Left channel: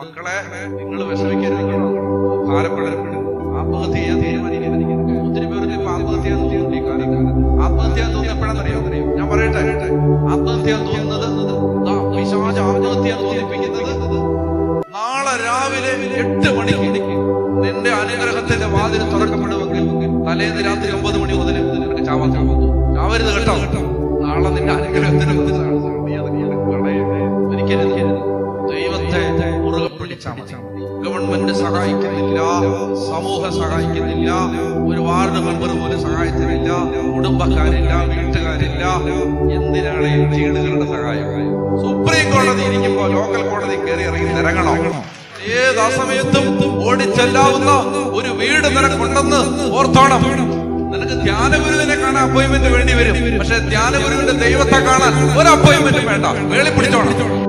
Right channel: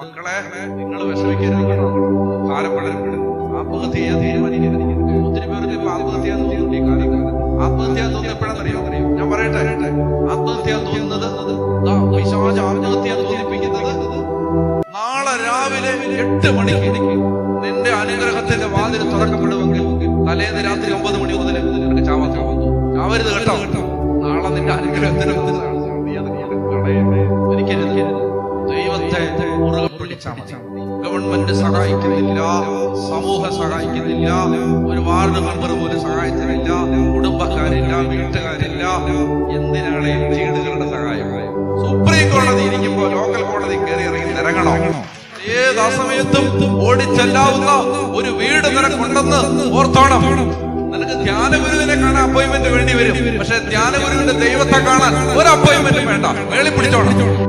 മക്കളെ, നിങ്ങൾ വിഷമിക്കരുത് കേട്ടോ. ഭാരപ്പെടരുത്. ആത്മഹത്യ ചെയ്യാൻ തീരുമാനിക്കരുത്. ഒത്തിരി പേർക്ക് ഇപ്പൊ ആത്മഹത്യ തോന്നുന്നു. ഈ കാലത്ത് ആത്മഹത്യ തോന്നിയപ്പോഴാണെന്നറിയോ? ഞാൻ പറയട്ടെ, ആത്മഹത്യ തോന്നുന്നത് പിശാച് ആത്മഹത്യ തോന്നിപ്പിക്കുന്നത് നാളെ രാവിലെ 8 മണിക്ക് നിന്റെ അനുഗ്രഹത്തിന്റെ വാതിൽ തുറക്കപ്പെടുമെങ്കിൽ തലേന്ന് രാത്രി 9 മണി മുതൽ നിനക്ക് ചാവരുത് കേട്ടോ. നാളെ നിന്റെ അനുഗ്രഹത്തിന് ഒരിക്കരുത്. ദൈവത്തെ മുറുകെ പിടിച്ചാൽ മതി. ഗവൺമെന്റ് സഹായിക്കുന്നില്ല, സമൂഹം സഹായിക്കുന്നില്ല, ഒരു വാർഡ് മെമ്പർ പോലും സഹായിക്കുന്നില്ല, കുടുംബക്കാരില്ല, വീട്ടുകാരില്ല. എന്തിനാണ് ഈ വീടുകളുടെ സഹായം? സുപ്രീം കോടതി ഇരിക്കുമ്പോ ലോക്കൽ കോടതി കയറി ഇറങ്ങി നിരങ്ങണോ? ഏത് സമയത്തും ഓടിച്ചെല്ലാവുന്ന ഒരു വീട് നിനക്കുണ്ടെന്ന് ഓർത്തോണം. നിനക്ക് ധ്യാനഗുരുവിനെ കാണാൻ അപ്പോയിന്റ്മെന്റ് വേണ്ടി വരും. പക്ഷെ ധ്യാനഗുരുവിന്റെ ദൈവത്തെ കാണാൻ ഒരു അപ്പോയിന്റ്മെന്റും വേണ്ട. വേളി പിടിച്ചോണം.